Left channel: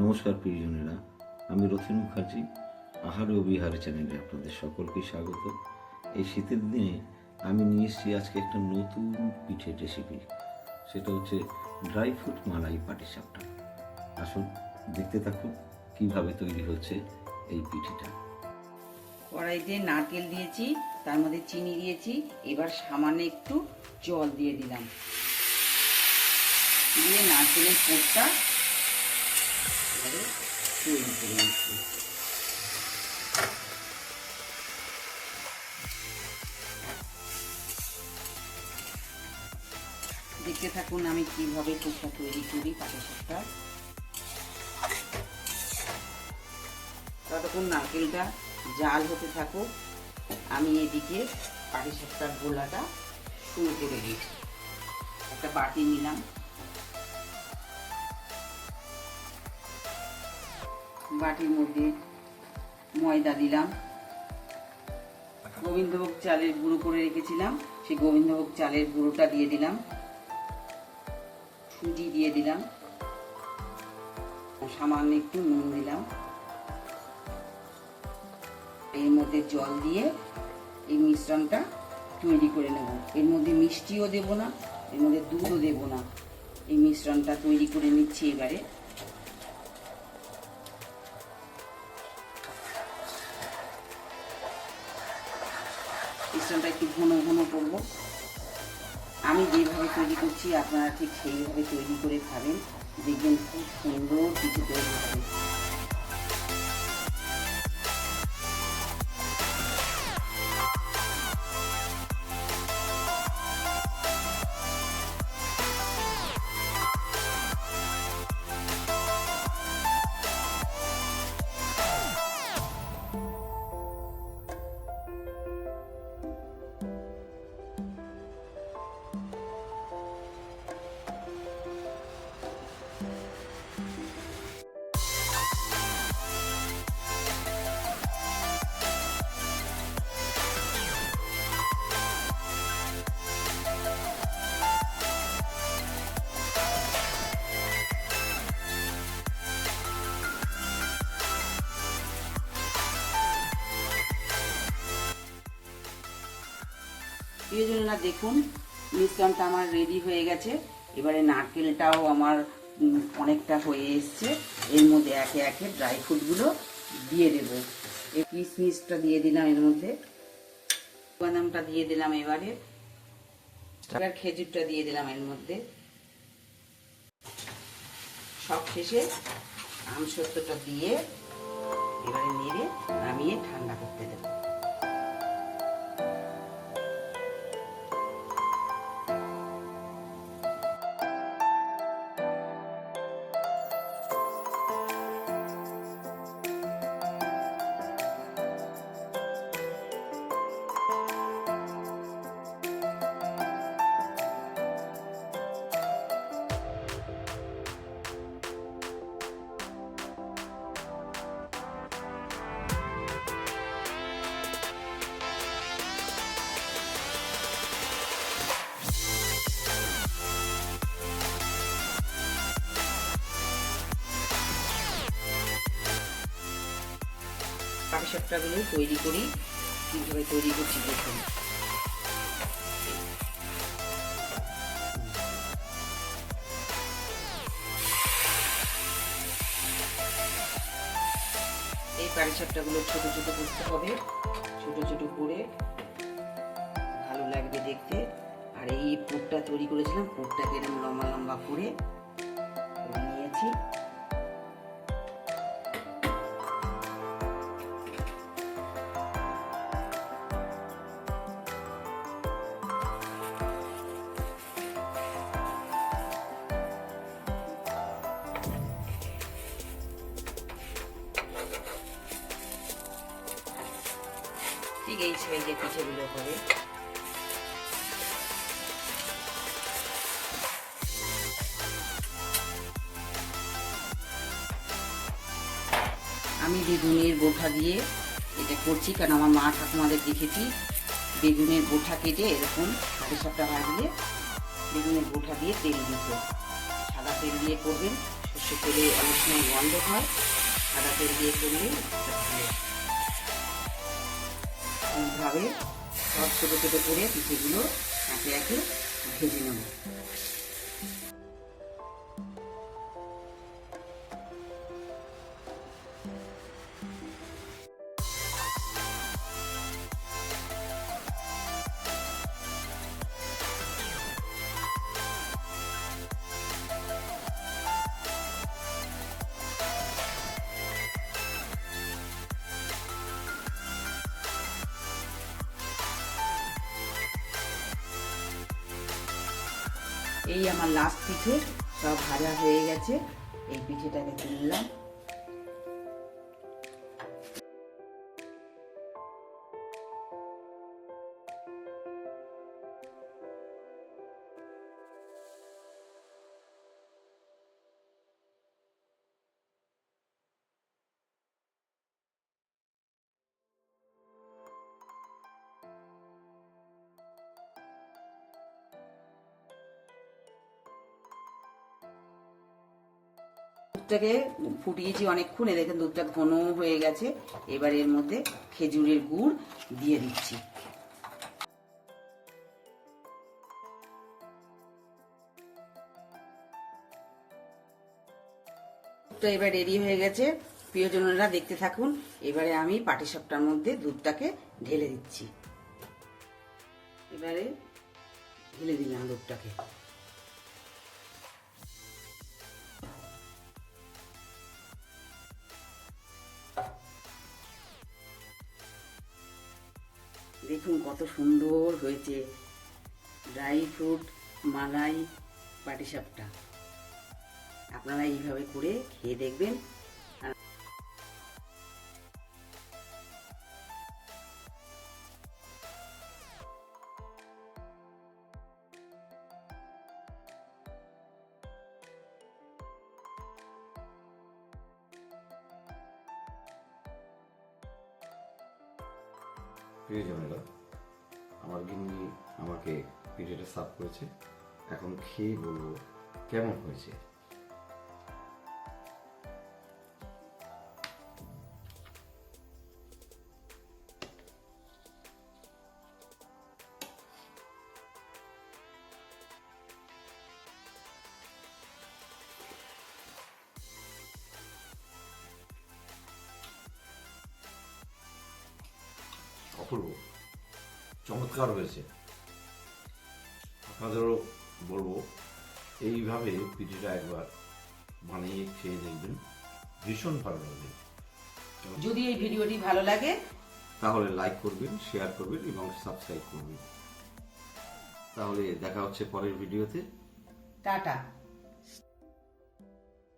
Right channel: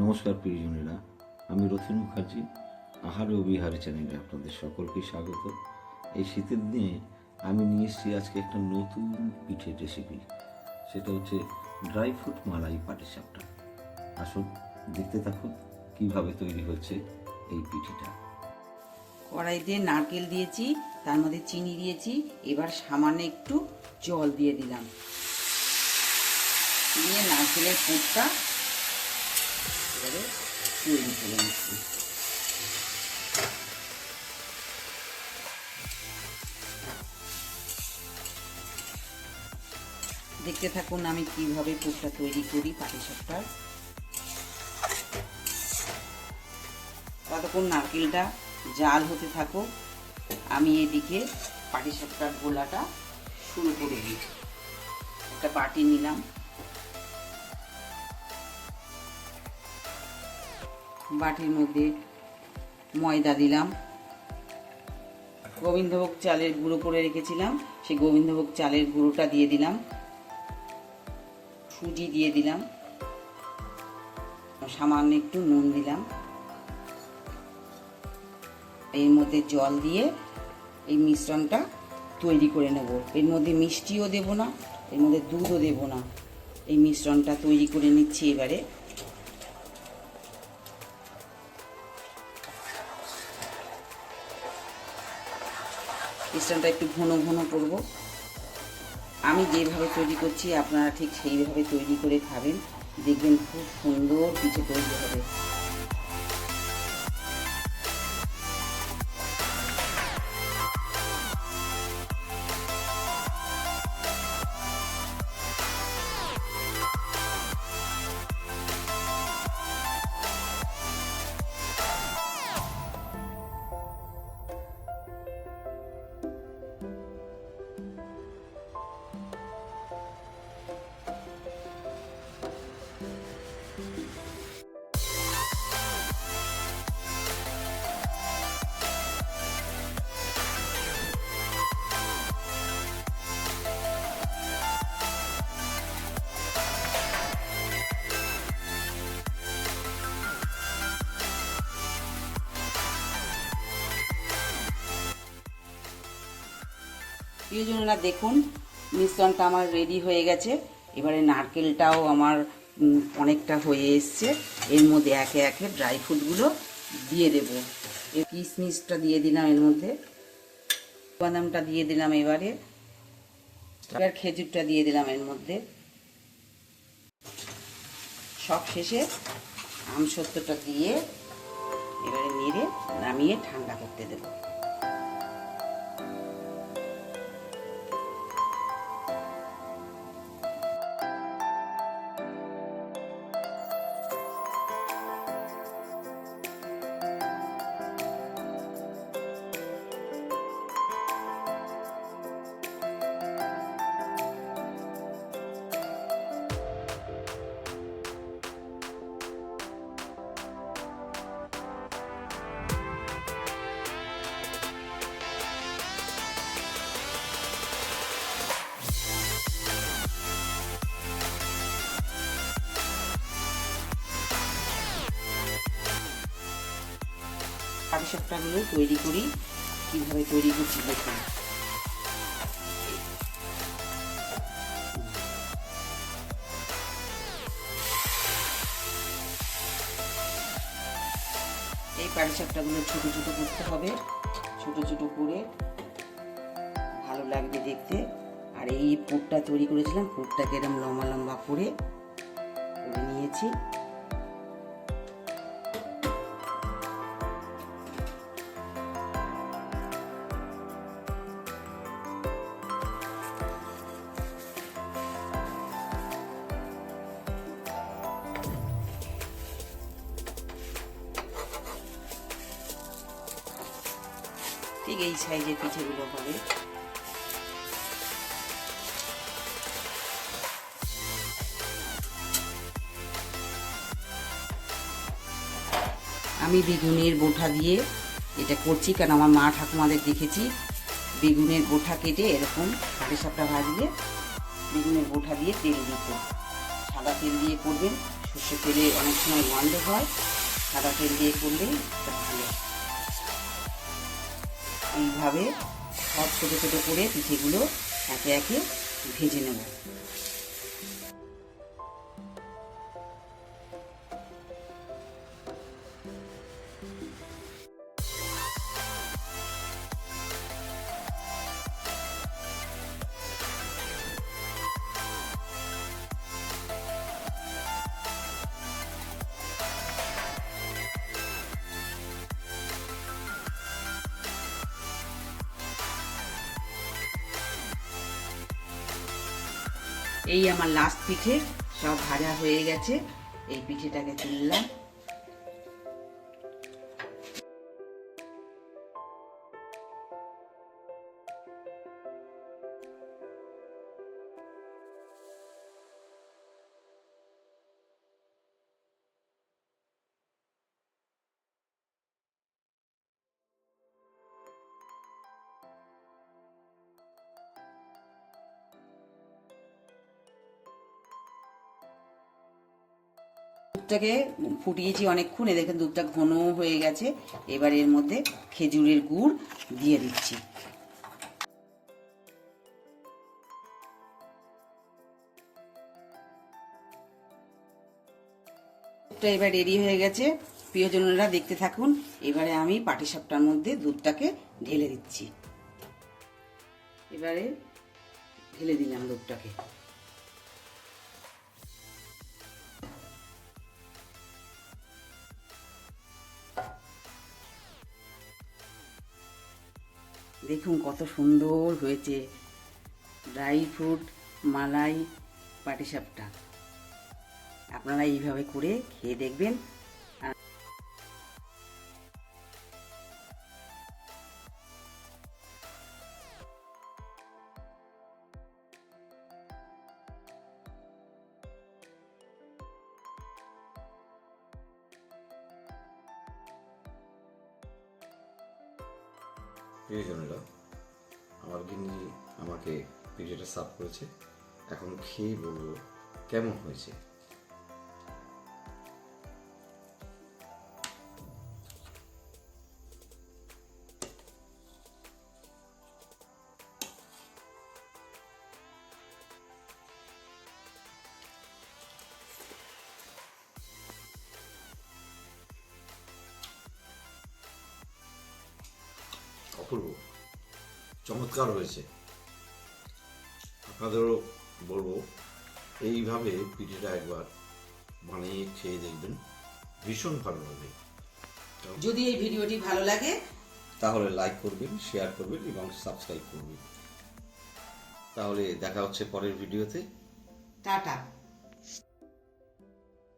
নমস্কার প্রিয়জনেরা আমি রথিন মুখার্জি, আহারে ও বিহারে চ্যানেলে আপনাদের সকলকে স্বাগত। এই শীতের দিনে আমি নিয়ে এসেছি আজকে একটা নতুন পিঠের রেসিপি সেটা হচ্ছে ড্রাই ফ্রুট মালাই পাটিসাপটা আসুন, দেখতে থাকুন কীভাবে তৈরি হচ্ছে এই পিঠেটা। কড়াইতে নারকেল দিয়েছি, তার মধ্যে চিনি দিয়েছি, এবার সামান্য একটু জল দিয়ে দিলাম। দিয়ে নারকেলের পুরটা এবারে তৈরি করে নিচ্ছি দেখতে থাকুন আমি কীভাবে পুরটা তৈরি করি পাটিসাপটা ততক্ষণ নারকেলটা জাল হতে থাকুক, আমি এদিকে পাটিসাপটার গোলাটা শুরু করে একটা বাটি নিলাম। বাটির মধ্যে ময়দা দিলাম। গোবিন্দভোগ চালের গুঁড়ো করে রেখেছিলাম। সেই গোবিন্দভোগ চালের গুঁড়োটা দিয়ে দিলাম। সুজি দিয়ে দিলাম। সামান্য একটু নুন দিলাম। এর মধ্যে জল দিয়ে এই মিশ্রণটা তৈরি করে নেব। এর মধ্যে মিষ্টিও দেব না, এর মধ্যে দুধও দেব না। এই মিশ্রণটা তৈরি করে নিচ্ছি এবারে। মিশ্রণটা একটু ঘন ঘন করব। আমি যেভাবে তৈরি করছি, আপনারা ঠিক সেইভাবে তৈরি করে খাবেন। দেখবেন খুব সুন্দর কিছু তৈরি হবে। প্রিয়জনরা দেখুন, মিশ্রণটা আমার রেডি হয়ে গেছে। এবারে নারকেলটাও আমার অনেকটা হয়ে এসছে। এর মধ্যে একে একে ড্রাই ফ্রুটগুলো দিয়ে দেব। এই কিশমিশটা দিয়ে দিলাম এর মধ্যে। বাদামটা দিয়ে দিলাম এবারে। এবার খেজুরটা দিয়ে দিলাম এর মধ্যে। সব শেষে আমসত্বটা দিয়ে এবারে নেড়ে নামিয়ে ঠান্ডা করতে দেবো। পাটিসাপটাগুলো তৈরি করি, কীভাবে তৈরি করছি দেখুন। এই পাটিসাপটাগুলো ছোট ছোট করতে হবে, ছোট ছোট করে ভালো লাগবে দেখতে। আর এই পুরটা তৈরি করেছিলাম, পুরটাকে এরকম লম্বা লম্বা করে করে নিয়েছি। এই সাইজের পিঠেগুলো হবে। আমি বেগুনের বোঠা দিয়ে এটা করছি, কারণ আমার মা ঠাকুমাদের দেখেছি, বেগুনের বোঠা কেটে এরকম সাড়ে সাতটা ভাজলে বেগুনের বোঠা দিয়ে তেল দিত। সাদা তেল দিয়ে করবেন সর্ষে তেলে অনেক সময় গন্ধ হয়, সাদা তেল দিয়ে ভালো এইভাবে সব ছোটো ছোটো করে পিঠেগুলো একে একে ভেজে নেব। এই আমার লাস্ট পিঠে সব ভাজা হয়ে গেছে। এই পিঠেটাকে তুললাম। দুধটাকে ফুটিয়েছি অনেকক্ষণ, এ দেখেন দুধটা ঘন হয়ে গেছে। এবার এর মধ্যে খেজুরের গুড় দিয়ে দিচ্ছি। দুধটা এবার রেডি হয়ে গেছে। প্রিয়জনেরা দেখতে থাকুন, এবারে আমি পাটিসাপটার মধ্যে দুধটাকে ঢেলে দিচ্ছি। এবারে ঢেলে দিলাম দুধটাকে। দেখুন কত সুন্দর হয়েছে। Dry fruit malai patishapta. আপনারা এইভাবে করে খেয়ে দেখবেন। প্রিয়জনেরা আমার গিন্নি আমাকে পিঠেটা সাফ করেছে। এখন খেয়ে বলব কেমন হয়েছে? অপূর্ব চমৎকার হয়েছে। আপনাদেরও বলব এইভাবে পিঠিটা একবার বানিয়ে খেয়ে দেখবেন ভীষণ ভালো লাগবে। যদি এই ভিডিওটি ভালো লাগে তাহলে লাইক করবেন শেয়ার করবেন এবং সাবস্ক্রাইব করবেন। তাহলে দেখা হচ্ছে পরের ভিডিওতে। টাটা।